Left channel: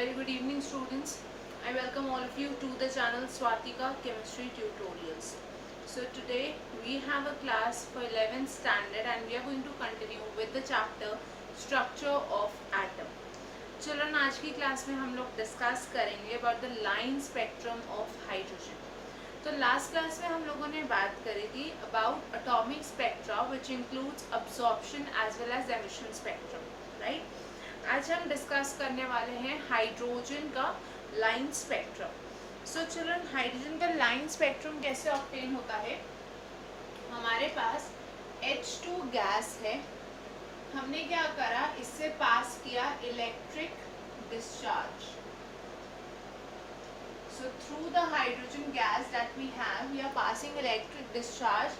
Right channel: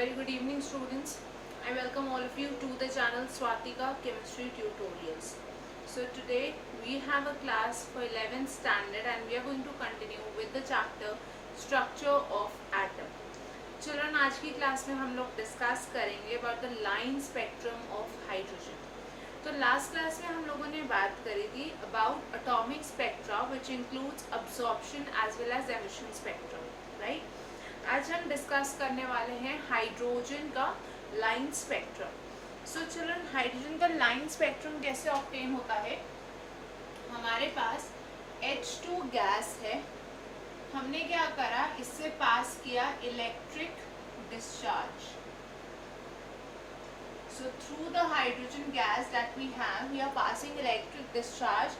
very good evening, students. I welcome all of you to the channel Swatika Chemistry Tutorials. So today we have a class for 11th standard and we are going to continue with the chapter Structure of Atom. Children, आज की class में हम लोग discuss करेंगे about the line spectrum of hydrogen. तो last class में हम लोगों ने बात करी थी about atomic spectra which includes absorption as well as emission spectrum, right? आज हम डिस्कस करने वाले हैं हाइड्रोजन का line spectrum. So children, hydrogen का लाइन स्पेक्ट्रम कैसे ऑब्टेन होता है? हमारे पास H2 गैस है, हमने क्या करा, इससे पास किया electric discharge. So through the hydrogen gas that we have, we are passing electric discharge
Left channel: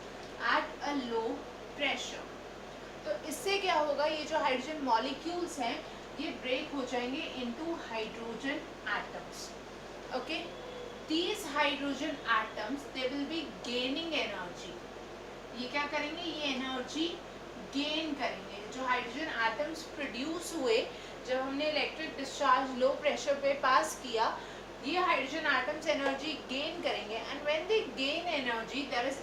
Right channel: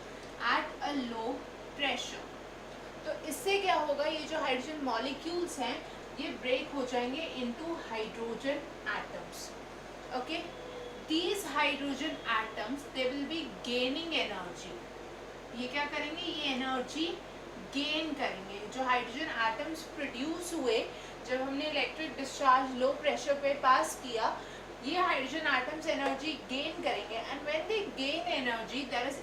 at a low pressure. तो इससे क्या होगा, ये जो हाइड्रोजन मॉलिक्यूल्स हैं ये ब्रेक हो जाएंगे into hydrogen atoms. Okay, these hydrogen atoms they will B gaining energy. ये क्या करेंगे, ये एनर्जी गेन करेंगे. जो हाइड्रोजन एटम्स प्रोड्यूस हुए जब हमने इलेक्ट्रिक डिस्चार्ज लो प्रेशर पे पास किया, ये हाइड्रोजन एटम्स एनर्जी गेन करेंगे. And when they gain energy there is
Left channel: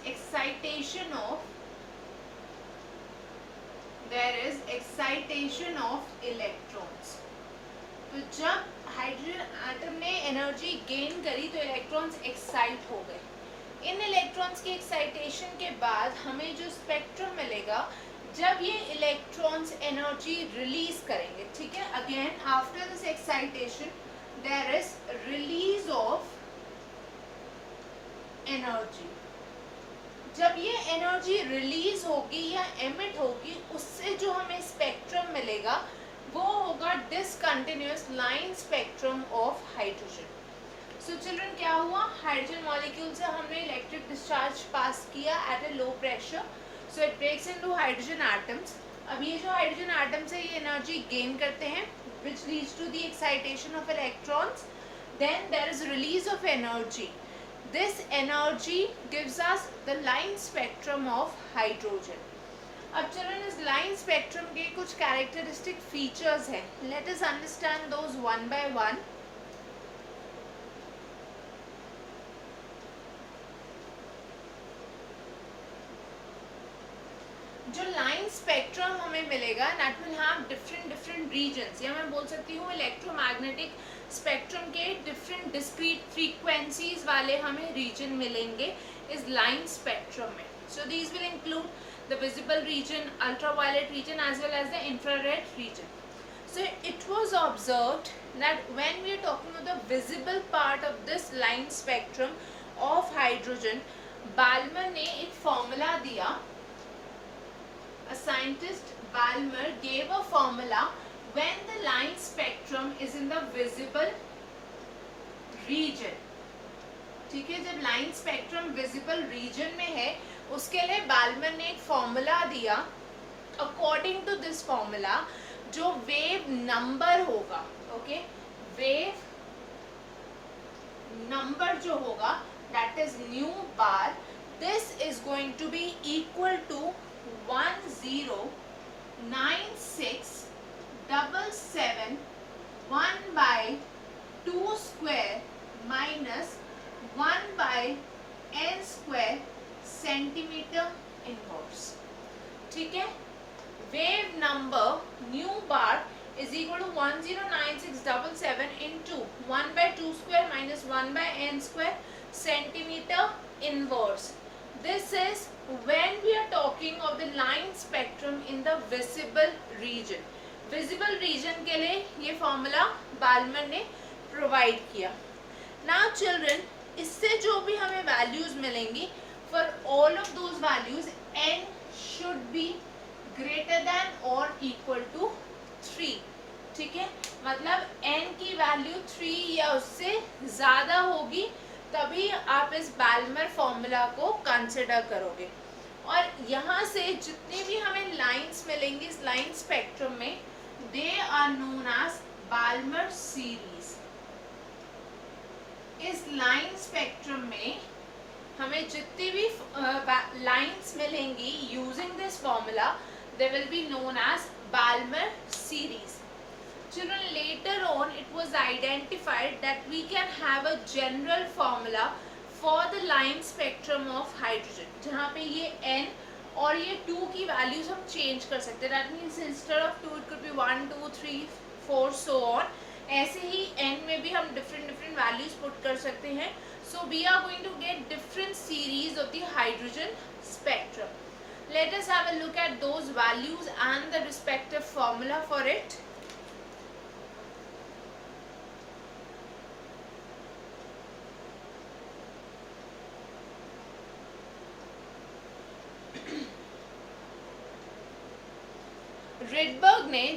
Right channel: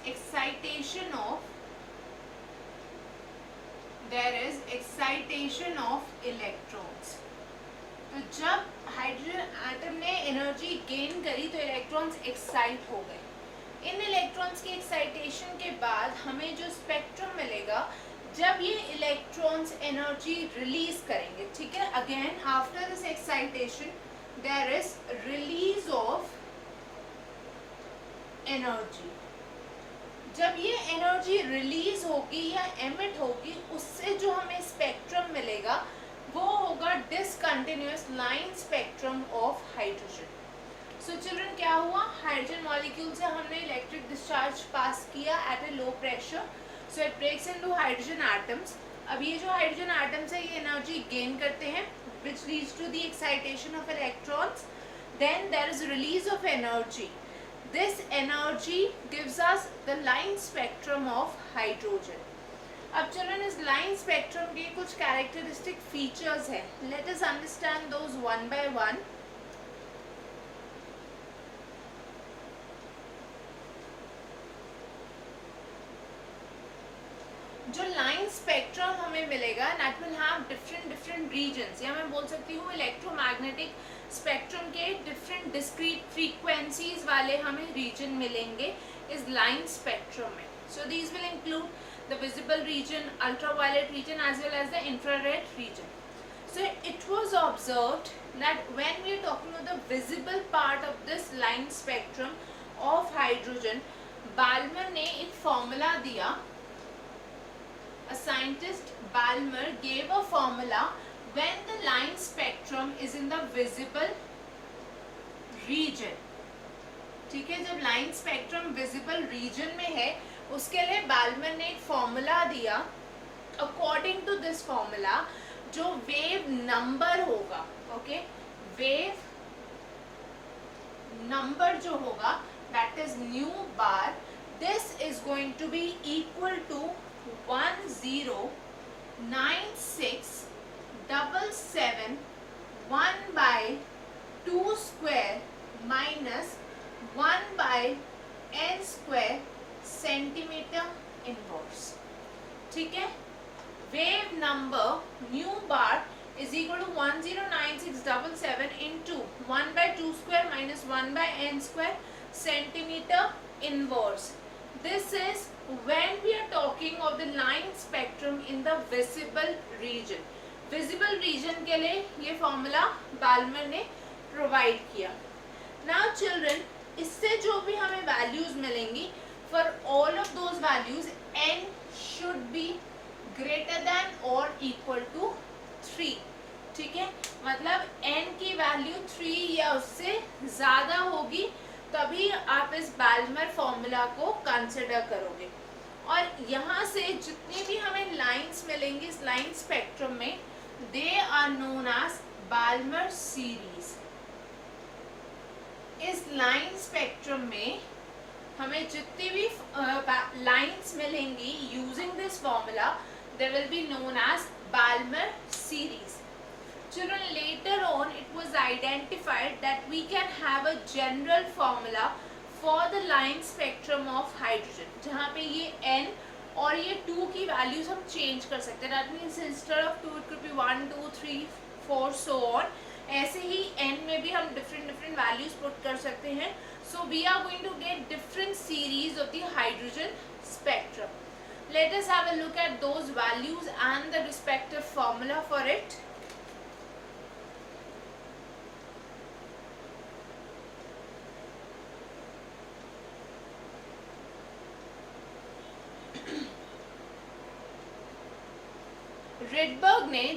excitation of electrons. तो जब हाइड्रोजन एटम ने एनर्जी गेन करी तो इलेक्ट्रॉन्स एक्साइट हो गए. इन इलेक्ट्रॉन्स की एक्साइटेशन के बाद हमें जो स्पेक्ट्रम मिलेगा, जब ये इलेक्ट्रॉन्स एनर्जी रिलीज करेंगे, ठीक है, again after this excitation there is release of energy. जब ये एनर्जी रिलीज होगी या एमिट होगी, उससे जो हमें स्पेक्ट्रम मिलेगा वो होगा discontinuous line spectrum of hydrogen. So children, क्या हुआ, हाइड्रोजन मॉलिक्यूल से हमने इलेक्ट्रिक डिस्चार्ज पास किया at a low pressure, so it breaks into hydrogen atoms. अब ये जो हाइड्रोजन एटम्स है ये एनर्जी गेन करते हैं which leads to the excitation of electrons. Then there is release of energy. This energy gives us the line spectrum of hydrogen. अब children, इस line spectrum के कुछ कैरेक्टरिस्टिक फीचर्स हैं. Let us understand those one by one. जो line spectrum हमें मिलेगा that will have different regions, या मैं बोल सकती हूँ इलेक्ट्रोमैग्नेटिक स्पेक्ट्रम के डिफरेंट डिस्क्रीट फ्रीक्वेंसीज वाले हमें रीजन मिलेंगे इस लाइन स्पेक्ट्रम में. So these will include the visible region, ultraviolet region as well as the infrared region. So it was observed that when we are talking about the visible part of this line spectrum of hydrogen, Balmer ने एक formula दिया. A scientist, Balmer, gave a formula when the line spectrum is in the visible region. ठीक है, जब line spectrum visible region में है उसके लिए बाल्मर ने एक फॉर्मूला दिया. अकॉर्डिंग टू दिस फॉर्मूला जो वेव नंबर होगा, ओके, वेव नंबर जो होगा that is nu bar, this is going to be equal to 109677 1/2 minus 1/n² centimetre inverse. ठीक है, wave number nu bar is equal to 109677 into 1/2² minus 1/n² centimetre inverse. This is when we are talking of the line spectrum in the visible region. Visible region के लिए ये formula Balmer ने provide किया. Now children, इससे जो भी हमें values मिलेंगी, for all of those values n should be greater than or equal to 3. ठीक है, मतलब n की वैल्यू 3 या उससे ज़्यादा होगी तभी आप इस बाल्मर फॉर्मूला को कंसिडर करोगे. और यहाँ से जितने भी हमें लाइंस मिलेंगी इस लाइन स्पेक्ट्रम में, they are known as Balmer series. इस लाइन स्पेक्ट्रम में हमें जितनी भी लाइंस मिलेंगी using this formula, they will be known as Balmer series. Children, later on it was identified that we can have a general formula for the line spectrum of hydrogen, जहाँ पे ये n और ये 2 की values हम change कर सकते हैं. That means instead of 2 it could be 1 2 3 4 so on. ऐसे ही n में भी हम डिफरेंट वैल्यूज पुट कर सकते हैं. So we are going to get different series of the hydrogen spectrum. Let us have a look at those values and the respective formula for it.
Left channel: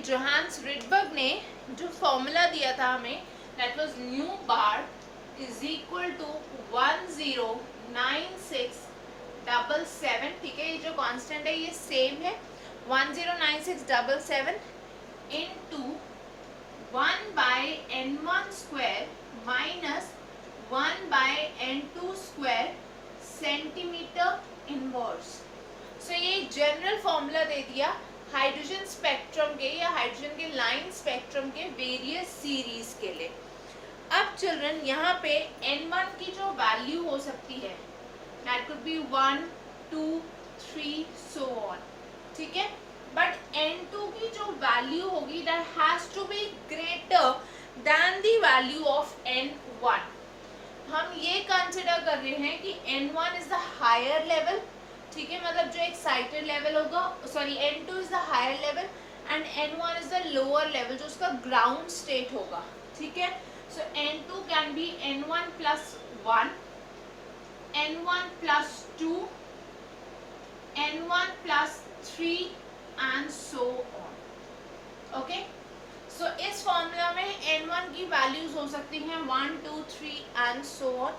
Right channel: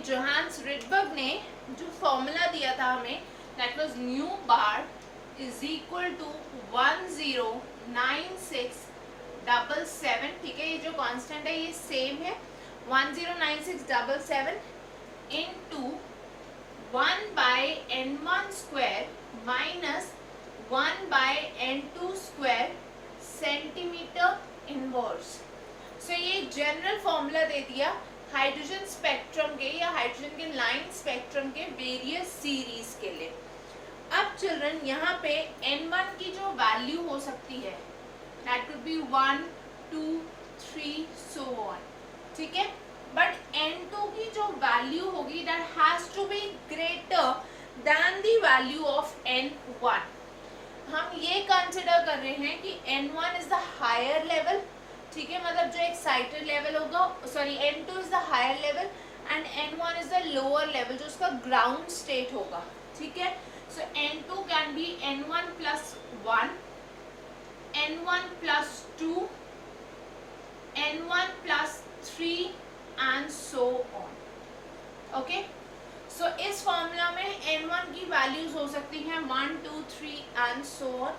Johannes Rydberg ने जो formula दिया था हमें, that was nu bar is equal to 109677. ठीक है, ये जो constant है ये सेम है. 109677 into 1 by n1 square minus 1 by n2 square centimetre inverse. So ये जनरल फॉर्मूला दे दिया हाइड्रोजन स्पेक्ट्रम के या हाइड्रोजन के लाइन स्पेक्ट्रम के वेरियस सीरीज के लिए. अब चिल्ड्रन यहाँ पे n1 की जो वैल्यू हो सकती है that could be 1 2 3 so on. ठीक है, बट n2 की जो वैल्यू होगी that has to be greater than the value of n1. हम ये कंसिडर कर रहे हैं कि n1 is the higher level. ठीक है, मतलब जो एक्साइटेड लेवल होगा, sorry n2 is the higher level and n1 is the lower level जो उसका ग्राउंड स्टेट होगा. ठीक है, so n2 can be n1 plus 1, n1 plus 2, n1 plus 3 and so on. Okay, सो इस फॉर्मूला में n1 की values हो सकती हैं 1 2 3 and so on.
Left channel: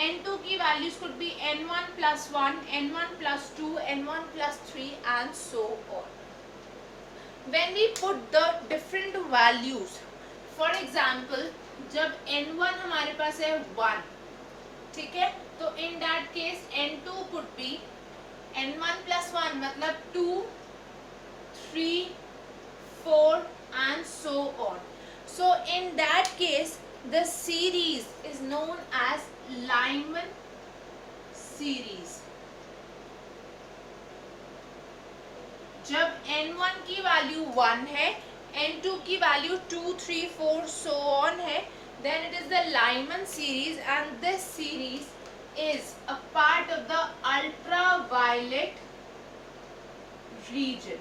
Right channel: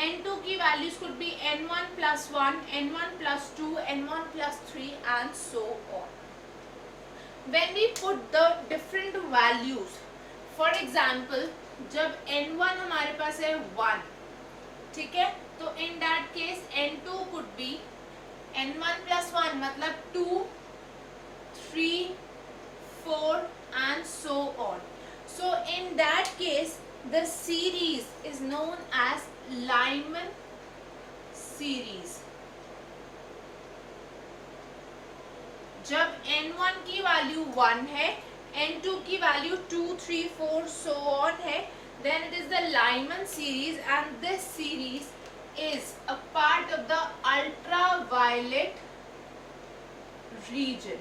n2 की values could be n1 plus 1, n1 plus 2, n1 plus 3 and so on. When we put the different values, for example, जब n1 हमारे पास है 1, ठीक है, तो in that case n2 could be n1 plus 1 मतलब 2, 3, 4 and so on. So in that case the series is known as Lyman series. जब n1 की value 1 है, n2 की वैल्यू 2 3 4 so on है, then it is the Lyman series and this series is a part of the ultraviolet region.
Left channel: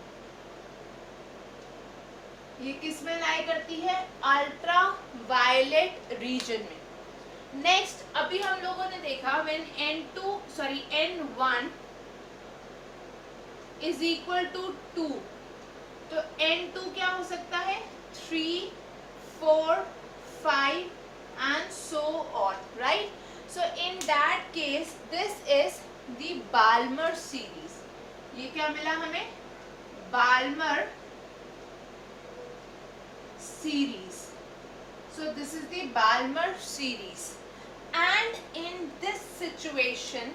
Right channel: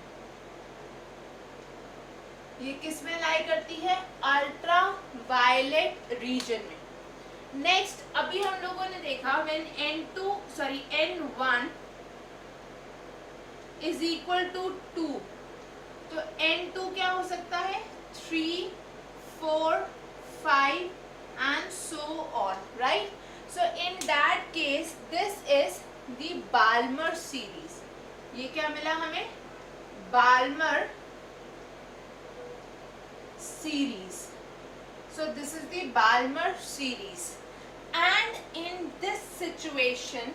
ये किस में लाई करती है? अल्ट्रावायलेट रीजन में. नेक्स्ट, अभी हम लोगों ने देखा when n1 is equal to 2, तो n2 क्या हो सकता है? 3, 4, 5 and so on, right? So in that case this is the Balmer series. ये क्या मिला हमें? Balmer series. So this is the Balmer series, and in this situation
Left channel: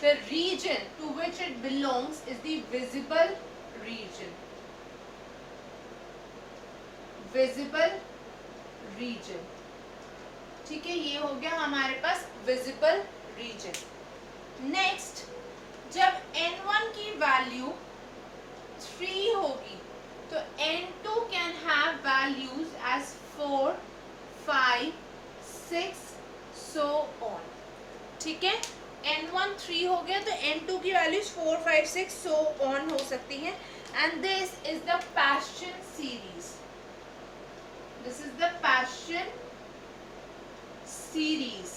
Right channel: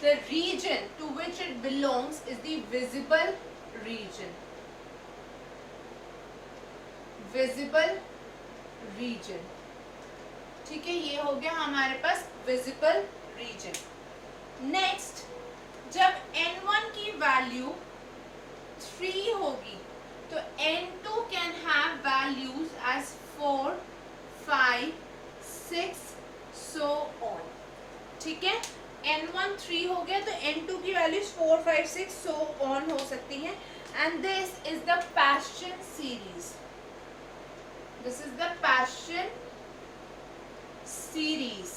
the region to which it belongs is the visible region. Visible region. ठीक है, ये हो गया हमारे पास visible region. Next, जब n1 की वैल्यू 3 होगी तो n2 can have values as 4, 5, 6 so on. ठीक है, n1 3 हो गया तो n2 की वैल्यूज 4, 5, 6 so on हो सकती हैं. And this is the Paschen series. This is the Paschen series.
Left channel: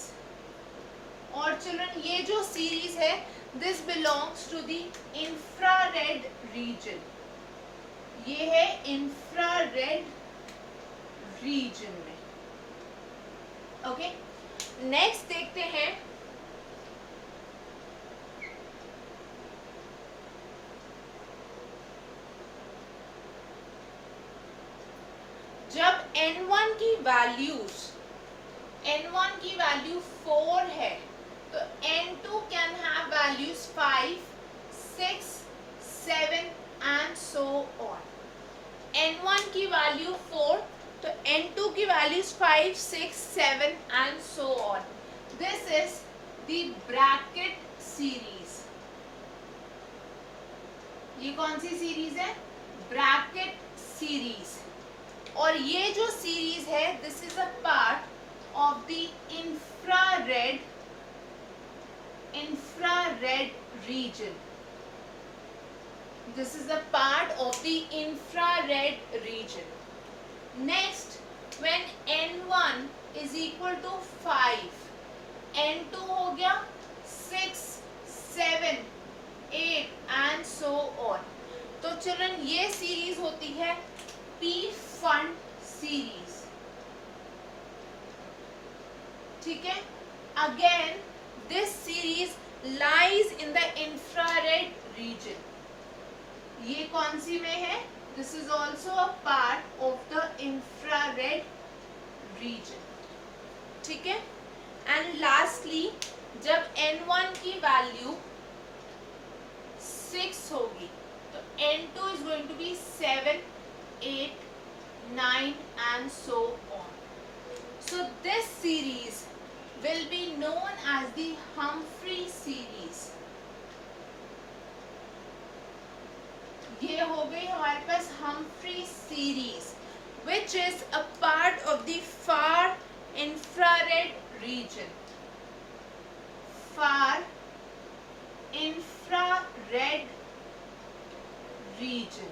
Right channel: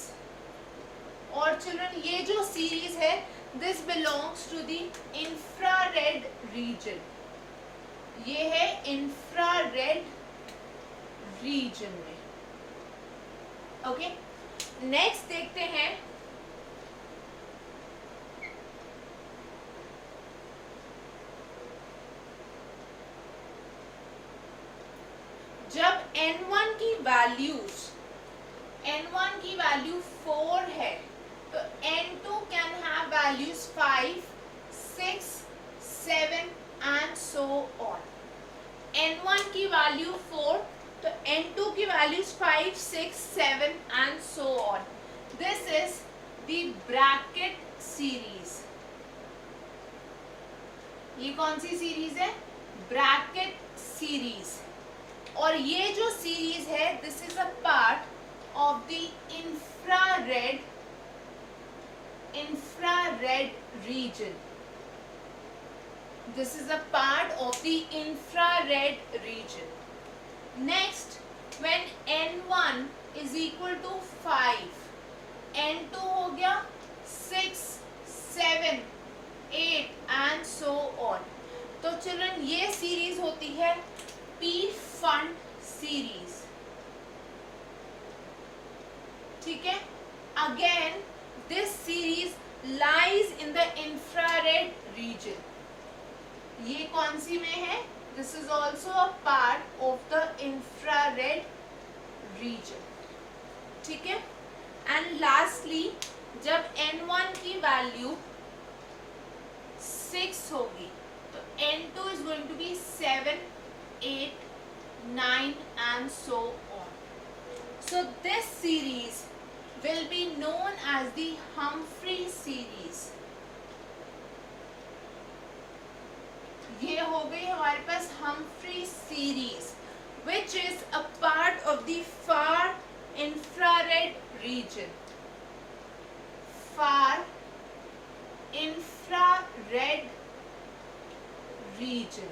और चिल्ड्रन ये जो सीरीज है this belongs to the infrared region. ये है इंफ्रारेड रीजन में. ओके, नेक्स्ट देखते हैं जब n1 की वैल्यू 4 है तो n2 can have values 5, 6, 7 and so on. n1 की वैल्यू 4 तो N2 की values 5, 6, 7 and so on. This is the Brackett series. ये कौन सी सीरीज है? Brackett series. और ये जो सीरीज है this is a part of the infrared region. This is a part of the infrared region. Next, when N1 is equal to 5, N2 हो गया 6, 7, 8 and so on. तो चिल्ड्रन ये series होती है P फंड सीरीज. ठीक है. Again this series lies in the infrared region. ये कौन सी में है? This is also a part of the infrared region. ठीक है. And lastly, जब N1 की वैल्यू 6 होगी तो N2 is going to be 7, 8, 9 and so on. So this series will be known as the Humphrey series. ये हो गई हमारे पास Humphrey series, which is a part of the far infrared region. Far infrared region.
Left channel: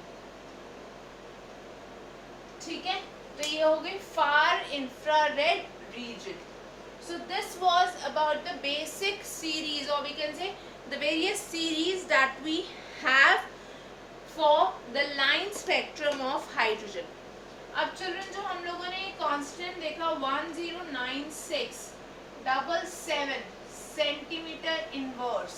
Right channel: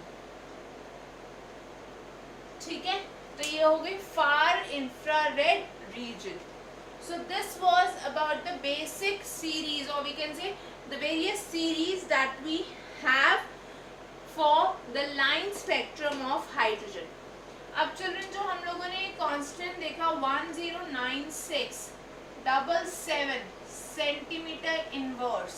ठीक है. तो ये हो गई far infrared region. So this was about the basic series, or we can say the various series that we have for the line spectrum of hydrogen. अब children जो हम लोगों ने कांस्टेंट देखा 109677 सेंटीमीटर इनवर्स,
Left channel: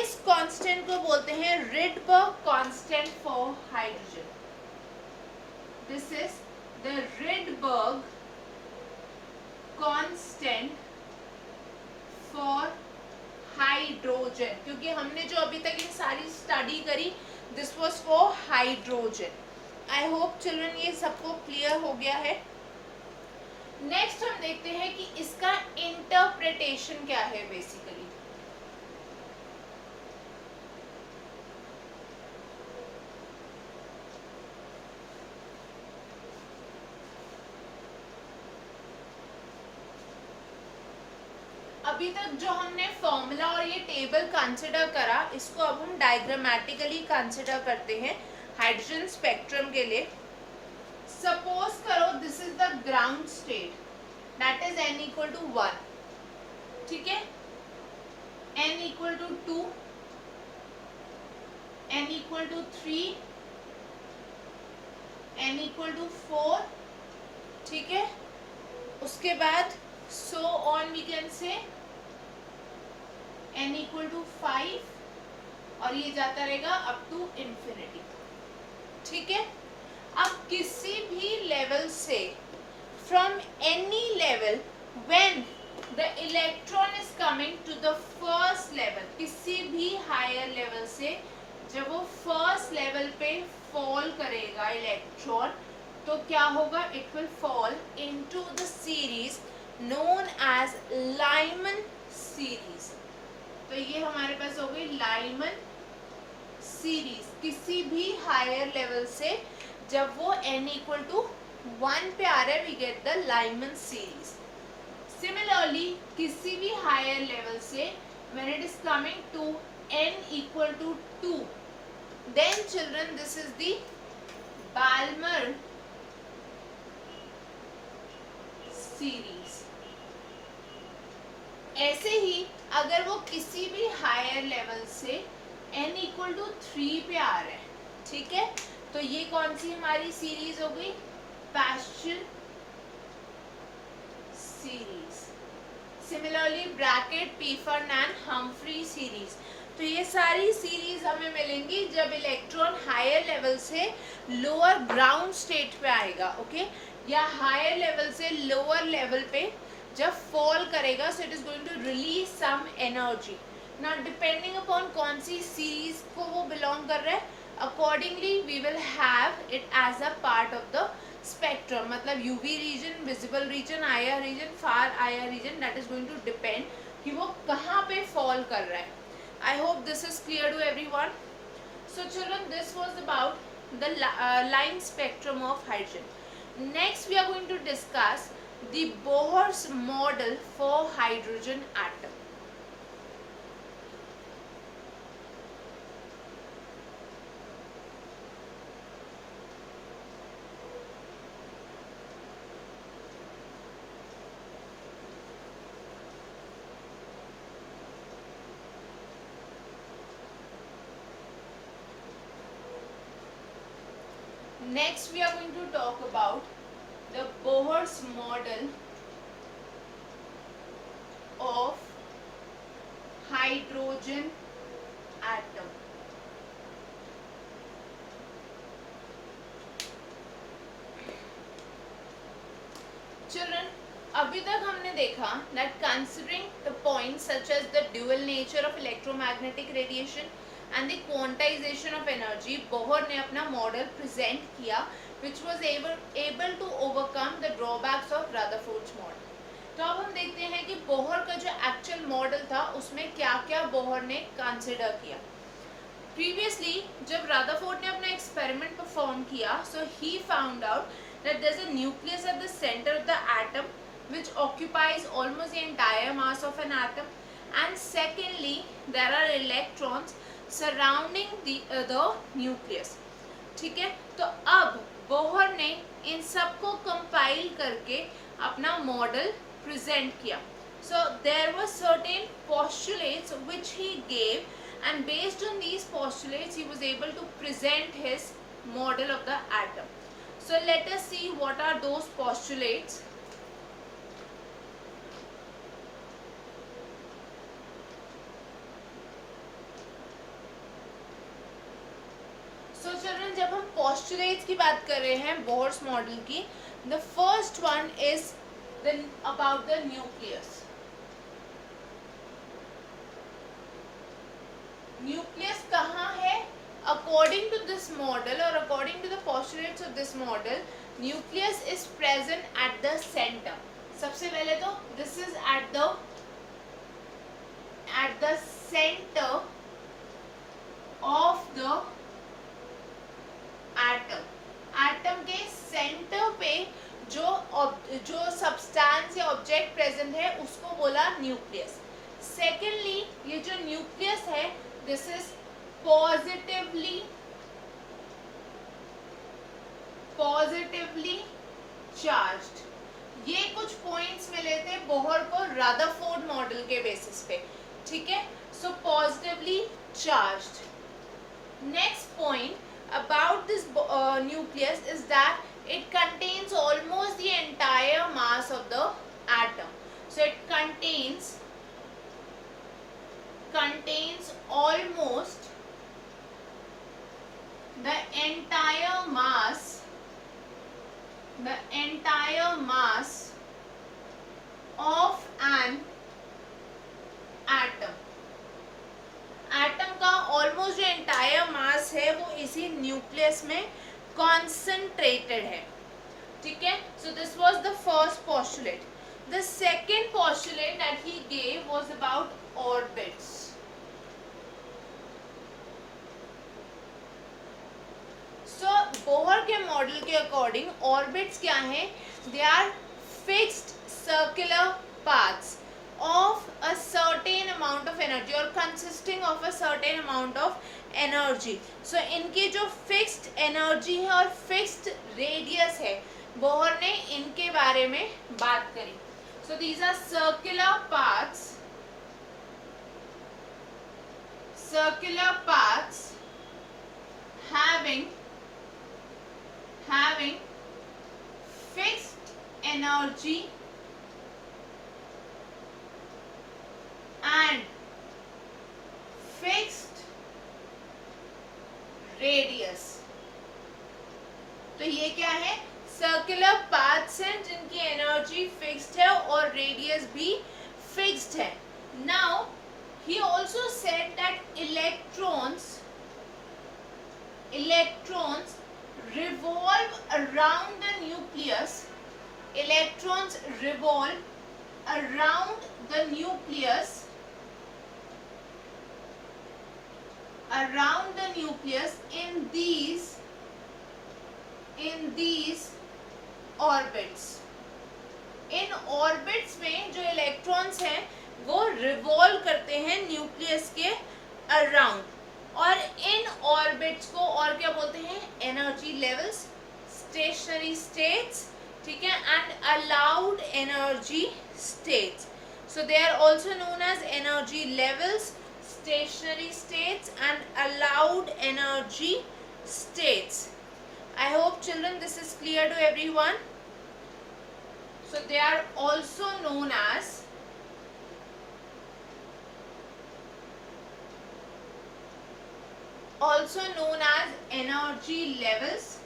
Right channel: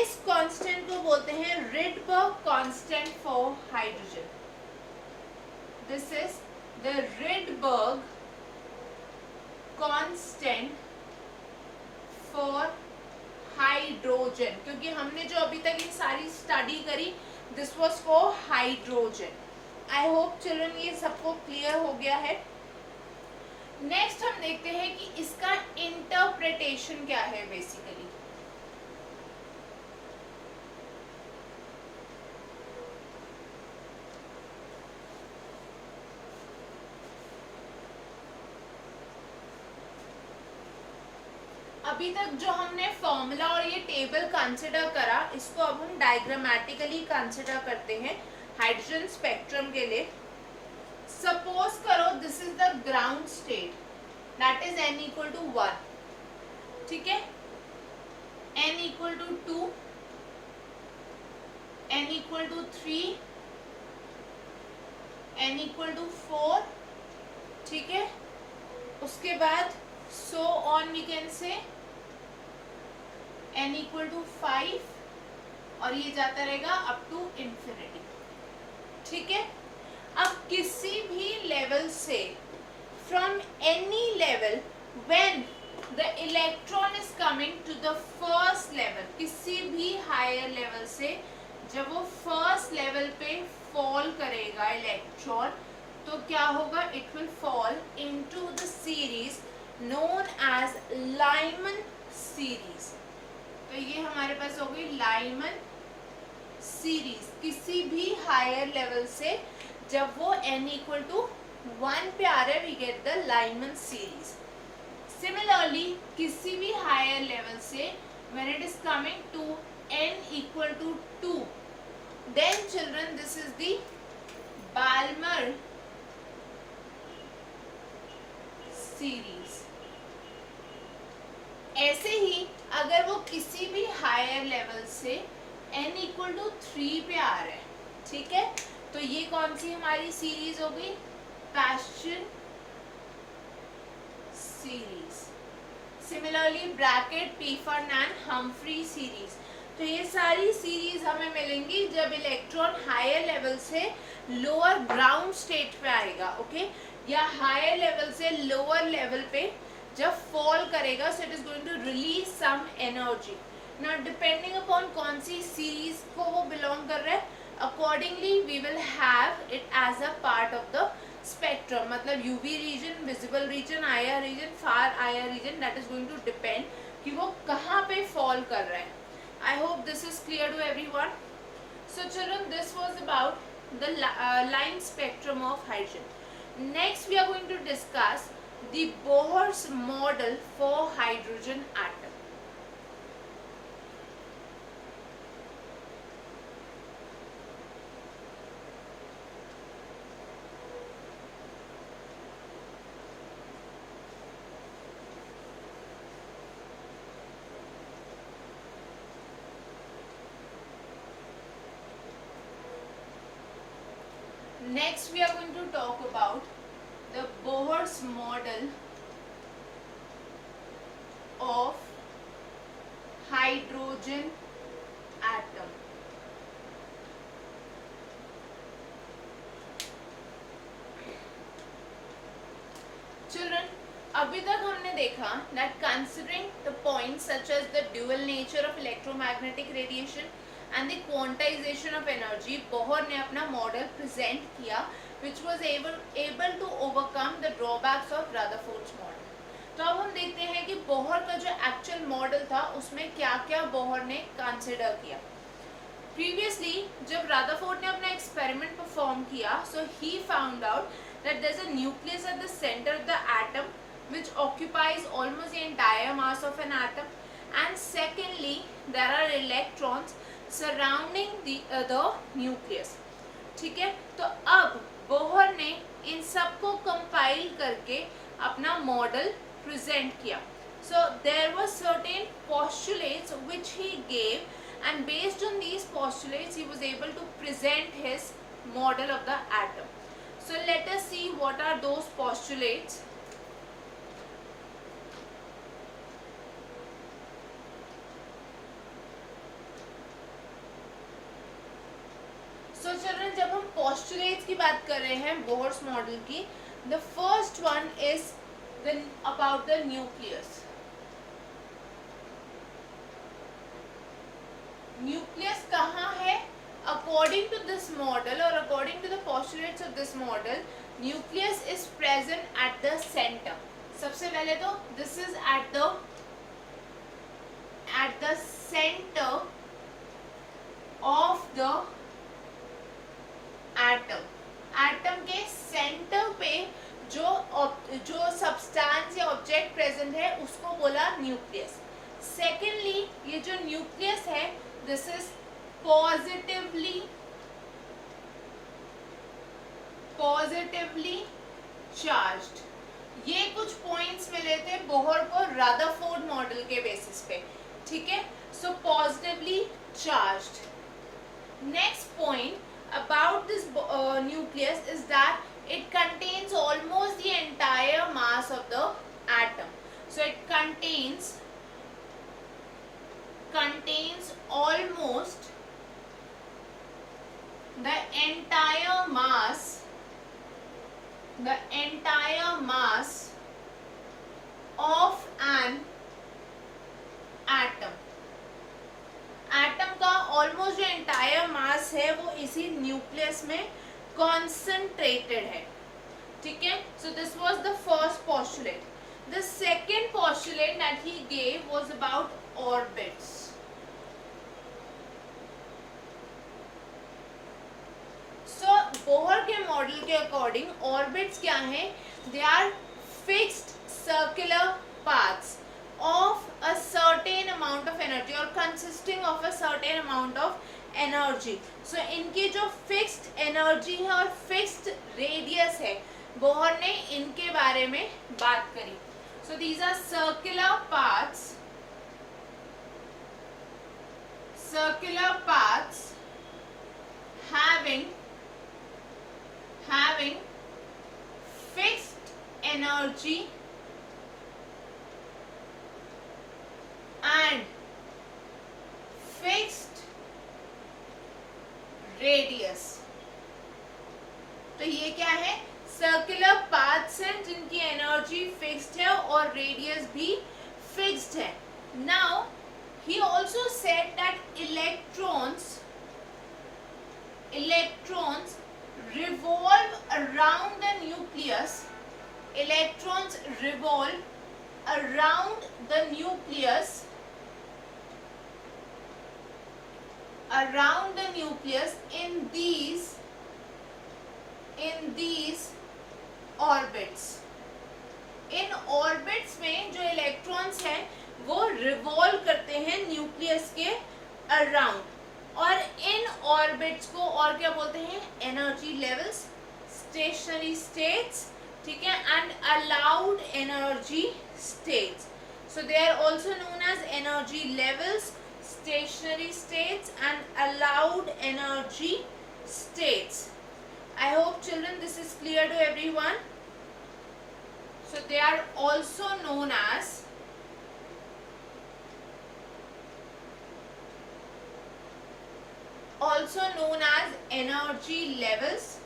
इस कांस्टेंट को बोलते हैं Rydberg constant for hydrogen. This is the Rydberg constant for hydrogen. क्योंकि हमने जो अभी तक ये सारी स्टडी करी this was for hydrogen. I hope children ये सबको क्लियर हो गया है. नेक्स्ट हम देखते हैं कि इसका इंटरप्रिटेशन क्या है बेसिकली. अभी तक जो हमने फॉर्मूला और ये टेबल कंसिडर करा, इसको अब हम डायग्रामेटिकली कंसिडर करते हैं हाइड्रोजन स्पेक्ट्रम के लिए. सपोज करो this is the ground state, that is n equal to 1. ठीक है. n equal to 2, n equal to 3, n equal to 4. ठीक है. उसके बाद so on we can say n equal to 5 और ये जाता रहेगा अप टू इंफिनिटी. ठीक है. अब किसी भी लेवल से from any level when the electron is coming to the first level, किसी भी हायर लेवल से जब वो फर्स्ट लेवल पे फॉल करेगा इलेक्ट्रॉन, तो क्या होगा? It will fall into the series known as Lyman series. तो ये हमारे पास हो गई लाइमन सीरीज. किसी भी हायर लेवल से जब वो n इक्वल टू 1 पे आ रहा है we get the Lyman series. Similarly किसी भी हायर लेवल से when it is coming to n equal to 2, then children this is the Balmer series. ऐसे ही अगर वो किसी भी हायर लेवल से n इक्वल टू 3 पे आ रहा है, ठीक है, तो ये कौन सी हमारी सीरीज हो गई? Paschen series. सिमिलरली ब्रैकेट पीफर्न एंड हम्फ्री सीरीज. तो ये सारी सीरीज हमें मिलेंगी जब इलेक्ट्रॉन हायर लेवल से लोअर ग्राउंड स्टेट पे आएगा. ओके. या हायर लेवल से लोअर लेवल पे जब फॉल करेगा, so it is going to release some energy. Now depending upon कौन सी सीरीज को वो बिलोंग कर रहा है, accordingly we will have it as a part of the spectrum, मतलब UV region, visible region, IR region, far IR region, that is going to depend कि वो कहाँ पे फॉल कर रहा है. I hope this is clear to everyone. So children, this was about the line spectrum of hydrogen. Next we are going to discuss the Bohr's model for hydrogen atom. Next we are going to talk about the Bohr's model of hydrogen atom. Children, अभी तक हमने देखा that considering the points such as the dual nature of electromagnetic radiation and the quantization of energy, Bohr ने अपना model present किया which was able to overcome the drawbacks of Rutherford's model. तो अब हम देखते हैं कि बोहर का जो एक्चुअल मॉडल था उसमें क्या क्या बोहर ने कंसिडर किया. Previously, जब Rutherford ने अपना एक्सपेरिमेंट परफॉर्म किया, so he found out that there's a nucleus at the center of the atom which occupies almost the entire mass of an atom, and secondly there are electrons surrounding the nucleus. ठीक है, तो अब Bohr ने इन सबको compile करके अपना model present किया. So there were certain postulates which he gave, and based on these postulates he was able to present his model of the atom. So let us see what are those postulates. So children, जब हम postulates की बात कर रहे हैं Bohr's model की, the first one is about the nucleus. Nucleus कहाँ है? According to this model or according to the postulates of this model, nucleus is present at the center. सबसे पहले तो this is at the center of the atom. Atom के centre पे जो substance या object present है उसको बोला न्यूक्लियस. सेकेंडली, ये जो न्यूक्लियस है दिस इज पॉजिटिवली चार्ज्ड. ये कुछ पॉइंट्स मिले थे बोहर को रदरफोर्ड मॉडल के बेसिस पे. ठीक है, so positively charged. Next point about this nucleus is that it contains almost the entire mass of the atom. So it contains almost the entire mass of an atom. Atom का almost जो entire mass है वो इसी nucleus में concentrated है. ठीक है, so this was the first postulate. The second postulate that he gave was about orbits. So Bohr के मॉडल के अकॉर्डिंग ऑर्बिट्स क्या है? They are fixed circular paths of a certain amount of energy or consisting of a certain amount of energy. So इनके जो fixed energy है और fixed radius है, Bohr ने इनके बारे में बात करी. So these are circular paths having fixed energy and fixed radius. तो ये क्या है? सर्कुलर पाथ्स हैं जिनकी एनर्जी फिक्स्ड है और रेडियस भी फिक्स्ड है. Now he also said that electrons revolve around the nucleus. Electrons revolve around the nucleus, in these orbits. In orbits में जो इलेक्ट्रॉन्स हैं वो रिवॉल्व करते हैं न्यूक्लियस के अराउंड, और इन ऑर्बिट्स को और क्या बोलते हैं? एनर्जी लेवल्स, स्टेशनरी स्टेट्स, ठीक है, and allowed energy states. So they are also known as energy levels, stationary states and allowed energy states. I hope children this is clear to everyone. So they are also known as energy levels,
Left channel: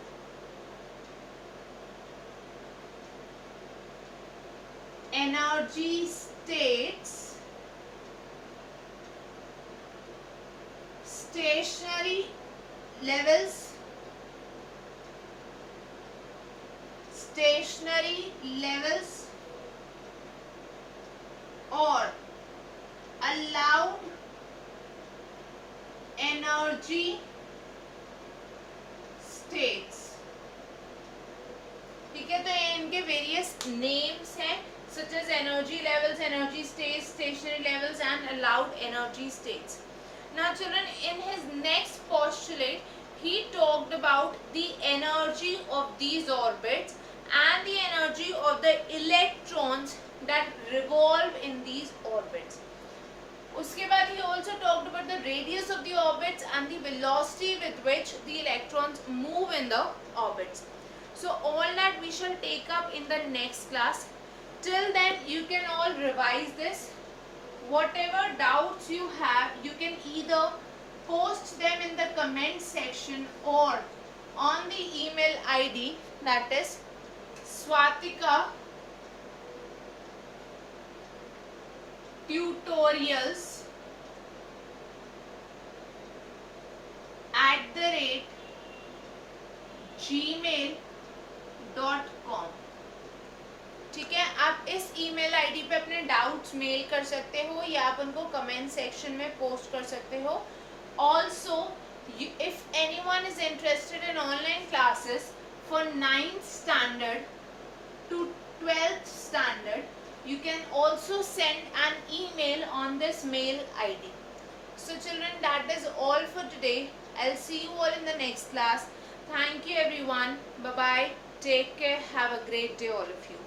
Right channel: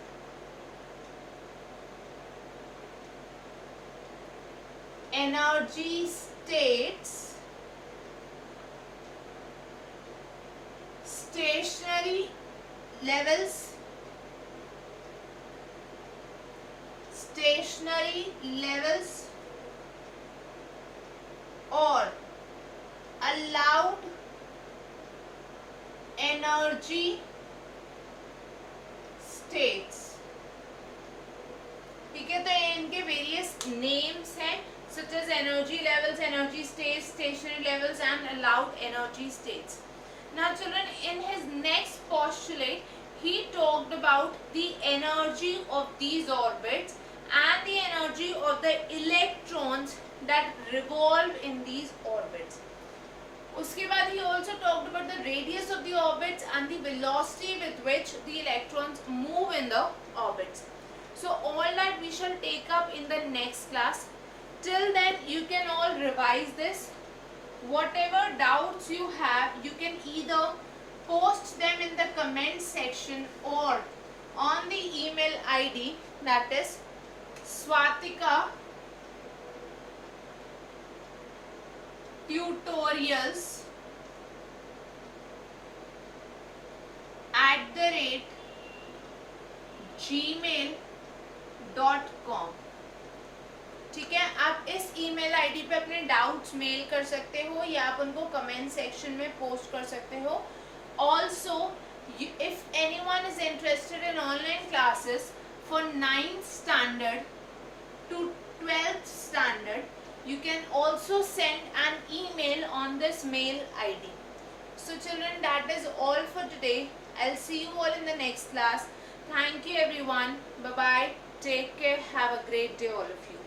energy states, stationary levels, or allowed energy states. ठीक है, तो ये इनके various names हैं, such as energy levels, energy states, stationary levels and allowed energy states. Now children, in his next postulate he talked about the energy of these orbits and the energy of the electrons that revolve in these orbits. उसके बाद he also talked about the radius of the orbits and the velocity with which the electrons move in the orbits. So all that we shall take up in the next class. Till then you can all revise this. Whatever doubts you have, you can either post them in the comment section or on the email ID, that is swatikatutorials@gmail.com. ठीक है, आप इस email ID पे अपने doubts mail कर सकते हो या आप उनको कमेंट सेक्शन में पोस्ट कर सकते हो. Also if anyone is interested in online classes for 9th standard to 12th standard, you can also send an email on this mail ID. So children, that is all for today. I'll see you all in the next class. Thank you everyone. Bye bye. Take care. Have a great day all of you.